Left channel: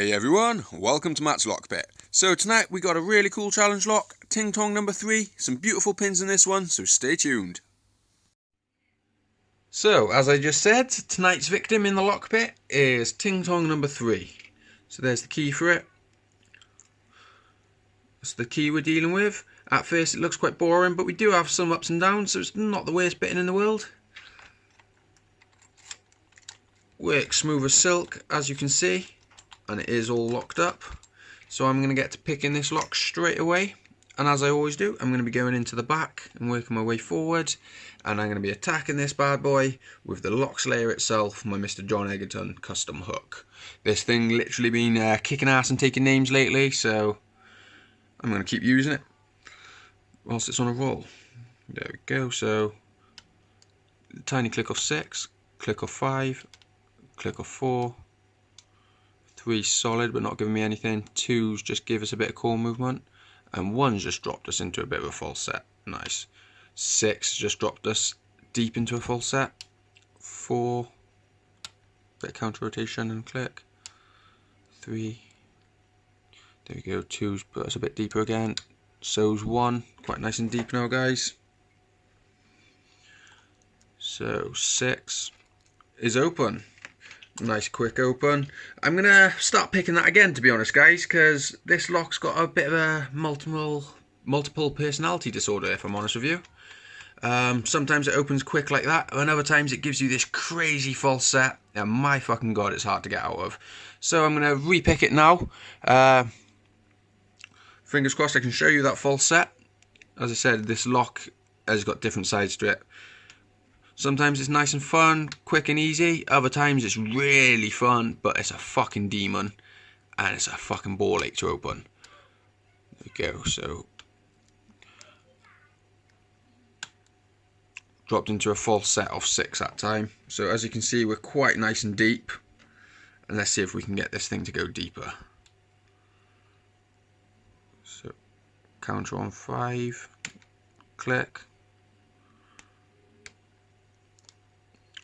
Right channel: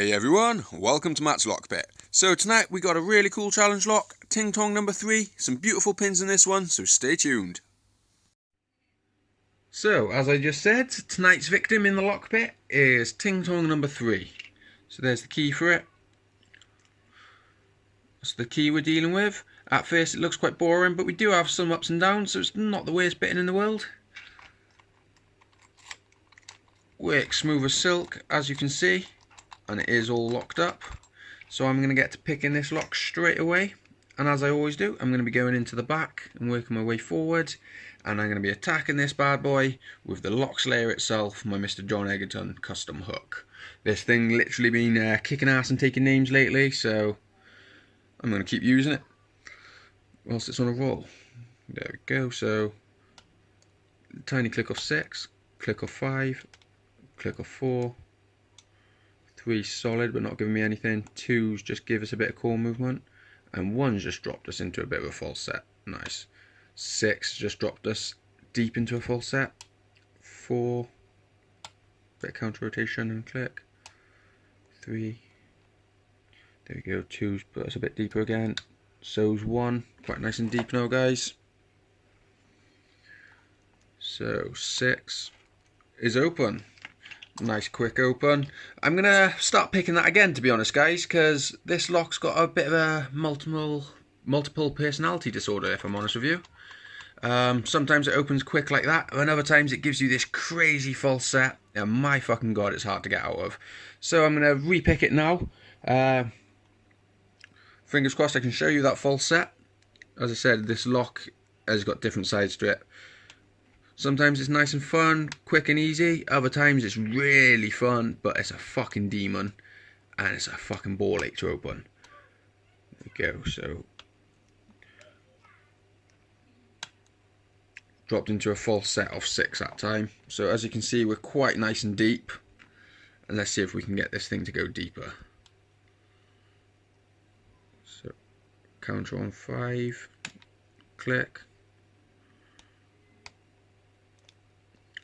Hey everyone, welcome to Matt's Lock Pit. So tonight we got a really cool challenge lock, Ting Tong number 3, some beautiful pins in this one, so stay tuned. So, as I just said, tonight's victim in the lock pit is Ting Tong number 3. So there's the key for it. That's the key we're dealing with. At first it looks quite boring, but we do have some ups and downs, so it's not the worst bitting in the world. Works smooth as silk, as you can see. And it is all locked up, so I'm going to get to picking this lock straight away, and as I always do, I'm going to be going into the back and working my way forward, and I'm going to be attacking this bad boy with the lock slayer itself, my Mr. John Egerton custom hook. This thing literally been kicking ass and taking names lately, so I'm going to keep using it whilst it's on a roll. There we go. So tiny click off 6, click off 5, click off 4, 3 solid but not giving me anything, 2's just give us a bit of core movement, and 1's just dropped us into a bit of a false set. Nice. 6 just dropped us deep into a false set. 4, bit of counter rotation and click. 3, there we go. 2's put us a bit deeper again. So's 1, quite nice and deep now, guys. So 6 is open. Nice quick open. I'm gonna start picking that again, to be honest, guys, because this lock's got a bit of a multiple personality disorder, if I'm honest with you. Sometimes it opens quick like that, and other times it gives you this crazy false set, and my fucking god, it's hard to get out of. So I'm gonna repick it now. Fingers crossed I can show you that false set. As I said, this lock has got different sides to it. Sometimes it's nice and fun, quick and easy. Other times it's really fun, but it's a fucking demon. And it's a fucking ball ache to open. There we go, so. Dropped into a false set of 6 that time. So as you can see, we're quite nice and deep. And let's see if we can get this thing to go deeper. So, counter on 5, click.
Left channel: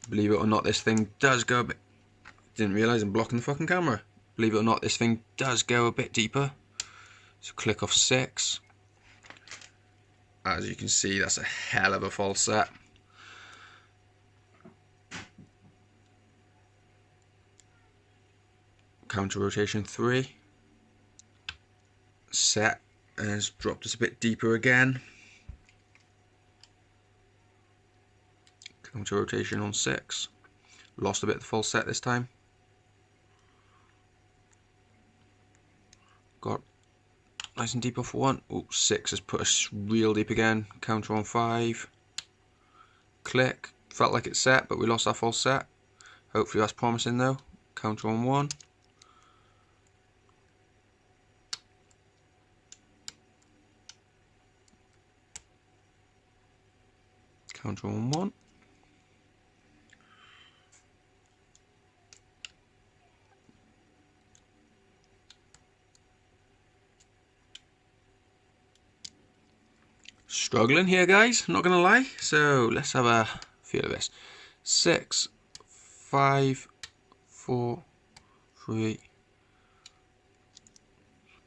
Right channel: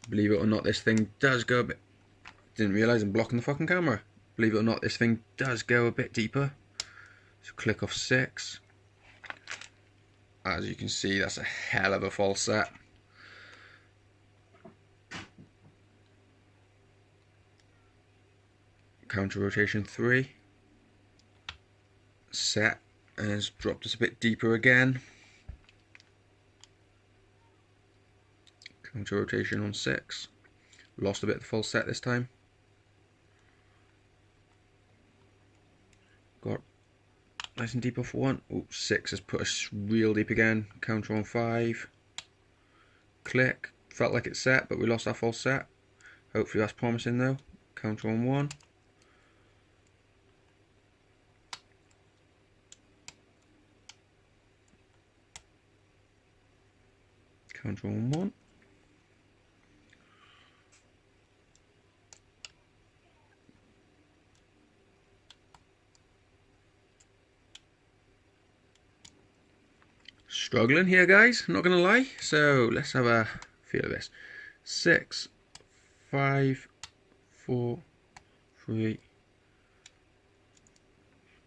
Believe it or not, this thing does go a bit... Didn't realise I'm blocking the fucking camera. Believe it or not, this thing does go a bit deeper. So click off 6. As you can see, that's a hell of a false set. Counter rotation 3. Set has dropped us a bit deeper again. Counter rotation on 6. Lost a bit of the false set this time. Got nice and deep off 1. Oh, 6 has put us real deep again. Counter on 5. Click. Felt like it's set, but we lost our false set. Hopefully that's promising though. Counter on 1. Counter on 1. Struggling here, guys, not gonna lie. So let's have a feel of this. 6, 5, 4, 3.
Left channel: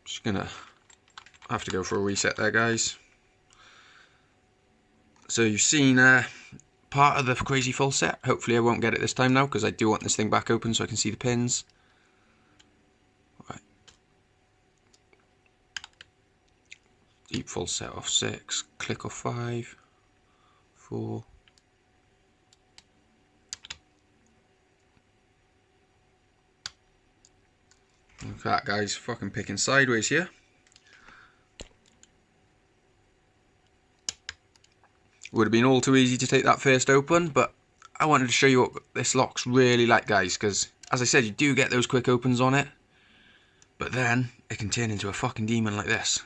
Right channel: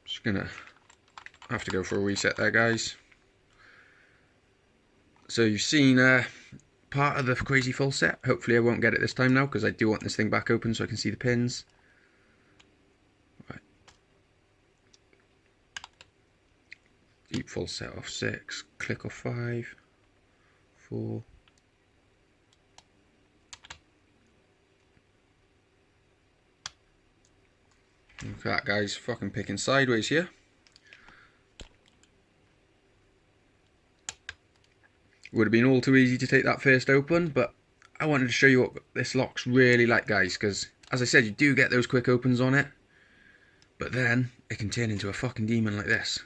Just gonna have to go for a reset there, guys. So you've seen part of the crazy false set. Hopefully I won't get it this time now, because I do want this thing back open so I can see the pins. Deep false set off 6, click off 5, 4. Look at that, guys, fucking picking sideways here. Would have been all too easy to take that first open, but I wanted to show you what this lock's really like, guys, because as I said, you do get those quick opens on it, but then it can turn into a fucking demon like this.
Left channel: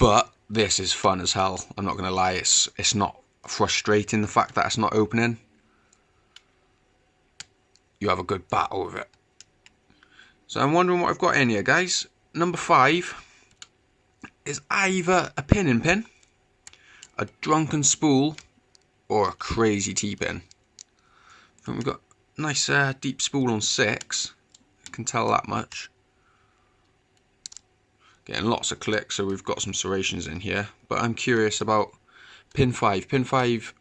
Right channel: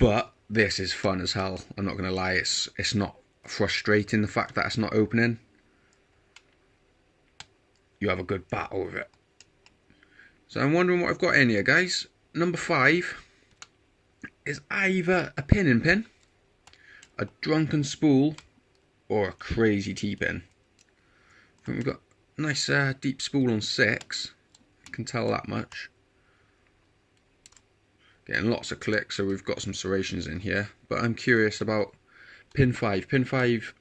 But this is fun as hell. I'm not gonna lie, it's not frustrating the fact that it's not opening. You have a good battle with it. So I'm wondering what I've got in here, guys. Number 5 is either a pin, a drunken spool, or a crazy T-pin. I think we've got Nice deep spool on 6. I can tell that much. Getting lots of clicks, so we've got some serrations in here. But I'm curious about pin 5. Pin 5,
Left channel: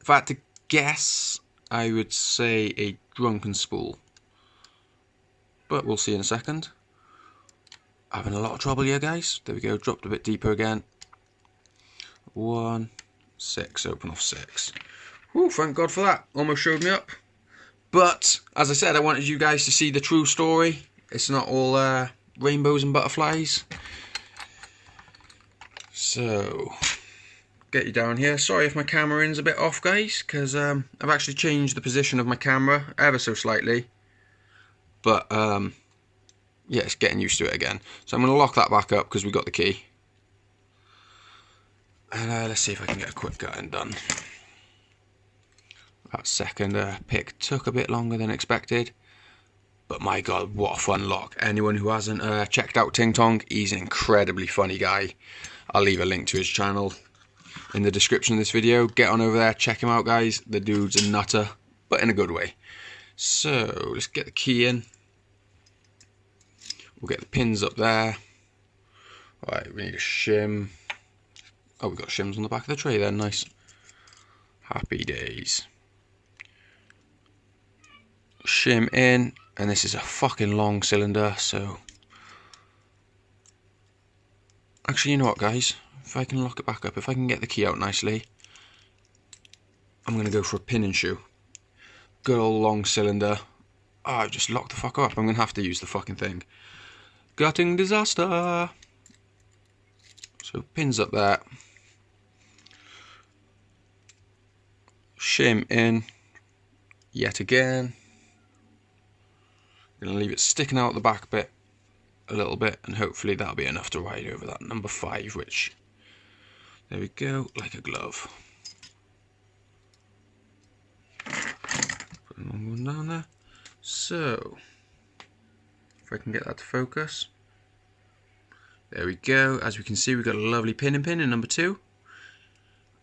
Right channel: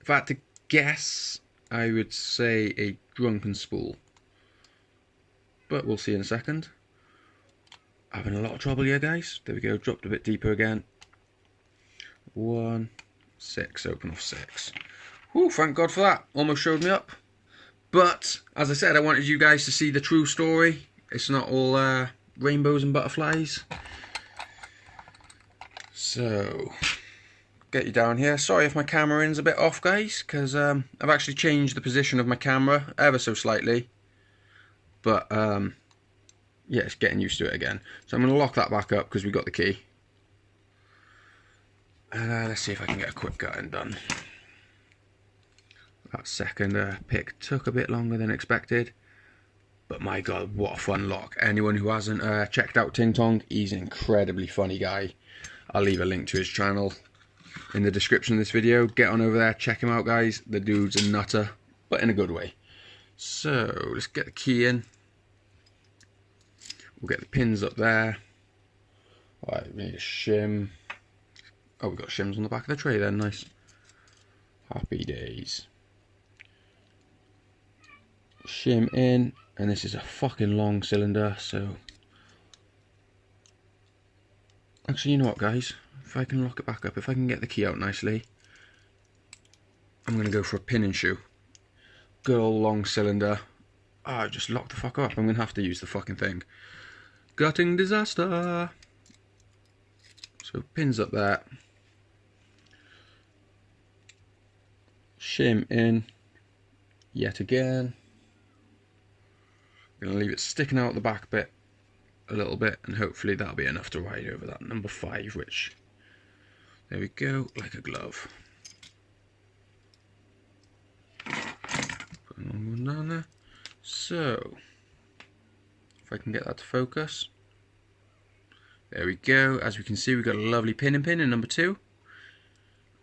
if I had to guess, I would say a drunken spool. But we'll see in a second. Having a lot of trouble here, guys. There we go, dropped a bit deeper again. 1, 6, open off 6. Whew, thank God for that. Almost showed me up. But, as I said, I wanted you guys to see the true story. It's not all rainbows and butterflies. So, get you down here. Sorry if my camera in's a bit off, guys, because I've actually changed the position of my camera ever so slightly. But, yeah, it's getting used to it again. So I'm going to lock that back up because we got the key. And let's see if I can get a quick gutting done. That second pick took a bit longer than expected. But my God, what a fun lock. Anyone who hasn't checked out Ting Tong, he's an incredibly funny guy. I'll leave a link to his channel in the description of this video. Get on over there, check him out, guys. The dude's a nutter, but in a good way. So, let's get the key in. We'll get the pins up there. Right, we need a shim. Oh, we've got shims on the back of the tray there, nice. Happy days. Shim in, and this is a fucking long cylinder, so... Actually, you know what, guys? If I can lock it back up, if I can get the key out nicely, I'm going to go for a pin and shoe. Good old long cylinder. Oh, I just locked the fuck up. I'm going to have to use the fucking thing. Gutting disaster. So pins up there. Shim in. Yet again. I'm going to leave it sticking out the back bit a little bit, and hopefully that'll be enough to ride over that number 5, which, there we go, like a glove. Put another one down there. So, if I can get that to focus. There we go. As we can see, we've got a lovely pin in number 2.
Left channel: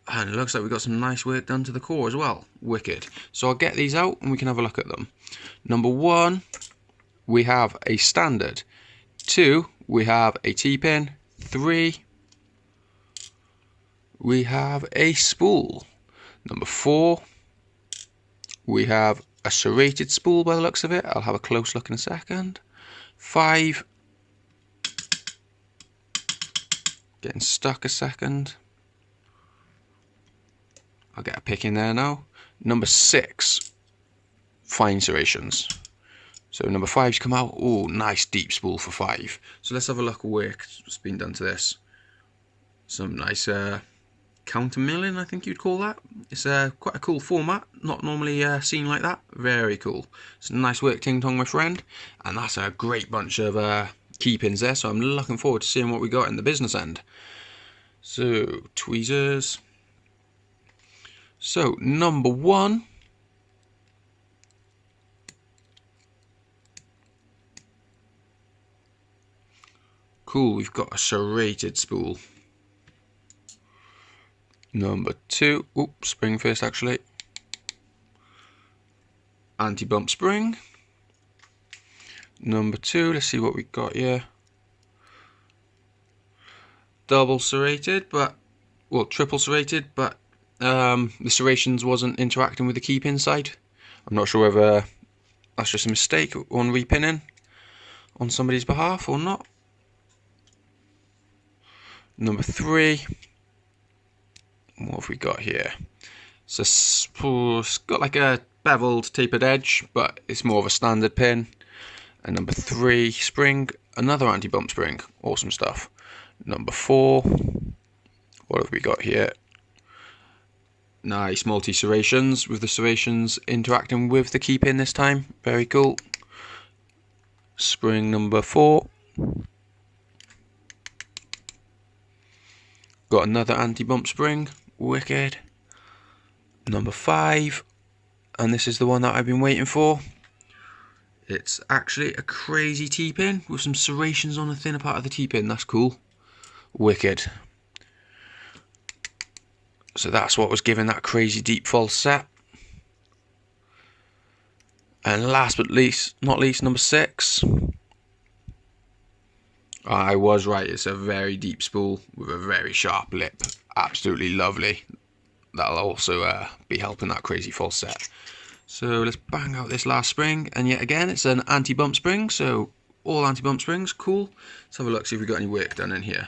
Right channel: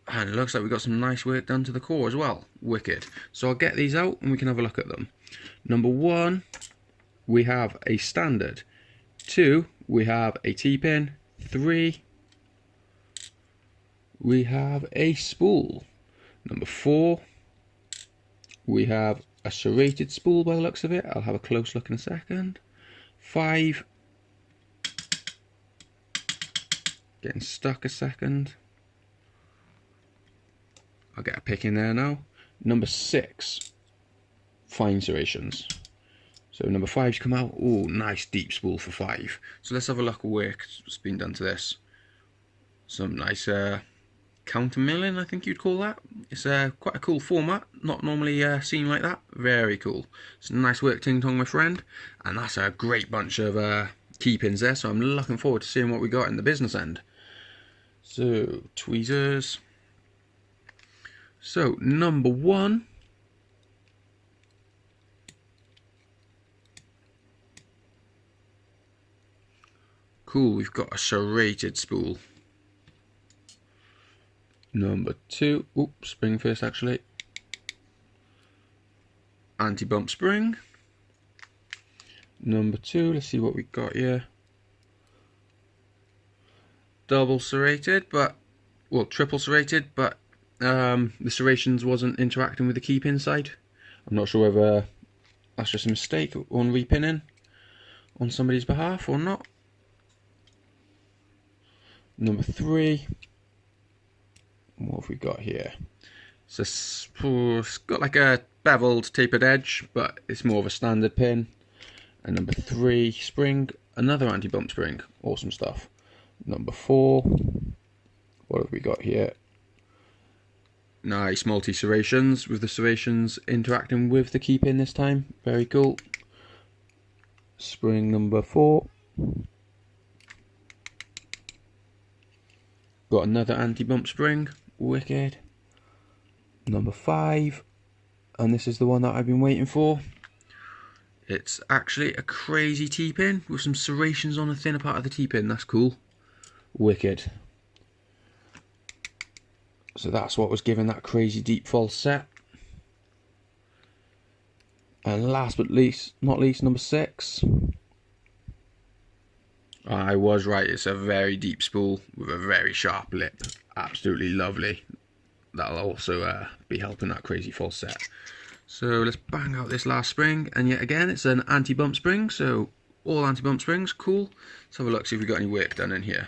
And it looks like we've got some nice work done to the core as well. Wicked. So I'll get these out and we can have a look at them. Number 1, we have a standard. 2, we have a T-pin. 3, we have a spool. Number 4, we have a serrated spool by the looks of it. I'll have a close look in a second. 5, getting stuck a second. I'll get a pick in there now. Number 6, fine serrations. So number 5's come out. Oh, nice deep spool for 5. So let's have a look at what's been done to this. Some nice counter milling, I think you'd call that. It's quite a cool format. Not normally seen like that. Very cool. It's nice work, Ting Tong, my friend. And that's a great bunch of key pins there. So I'm looking forward to seeing what we got in the business end. So, tweezers. So, number 1. Cool, we've got a serrated spool. Number 2, oops, spring first actually. Anti-bump spring. Number 2, let's see what we've got here. Double serrated, but, well, triple serrated, but the serrations wasn't interacting with the key pin side. I'm not sure whether that's just a mistake on repinning on somebody's behalf or not. Number 3, what have we got here? So it's got like a beveled tapered edge, but it's more of a standard pin. And number 3, spring, another anti-bump spring, awesome stuff. Number 4, what have we got here? Nice multi-serrations, with the serrations interacting with the key pin this time, very cool. Spring number 4. Got another anti-bump spring, wicked. Number 5, and this is the one that I've been waiting for. It's actually a crazy T-pin with some serrations on the thinner part of the T-pin. That's cool, wicked. So that's what was giving that crazy deep false set. And last but not least, number 6. I was right, it's a very deep spool with a very sharp lip. Absolutely lovely. That'll also be helping that crazy false set. So let's bang out this last spring, and yet again it's an anti-bump spring, so all anti-bump springs, cool. Let's have a look, see if we've got any work done in here.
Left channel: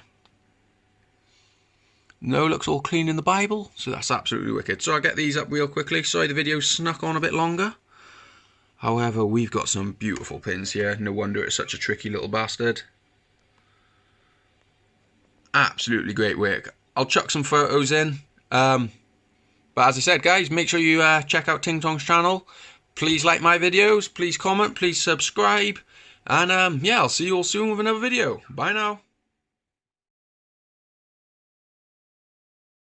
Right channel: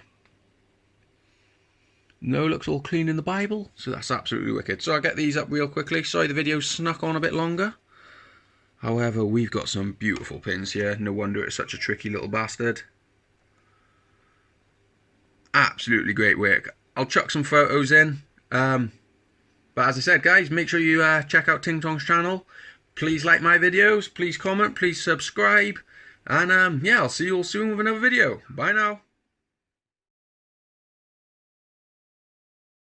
No, looks all clean in the Bible, so that's absolutely wicked. So I'll get these up real quickly. Sorry the video snuck on a bit longer. However, we've got some beautiful pins here. No wonder it's such a tricky little bastard. Absolutely great work. I'll chuck some photos in. But as I said, guys, make sure you check out Ting Tong's channel. Please like my videos. Please comment. Please subscribe. And yeah, I'll see you all soon with another video. Bye now.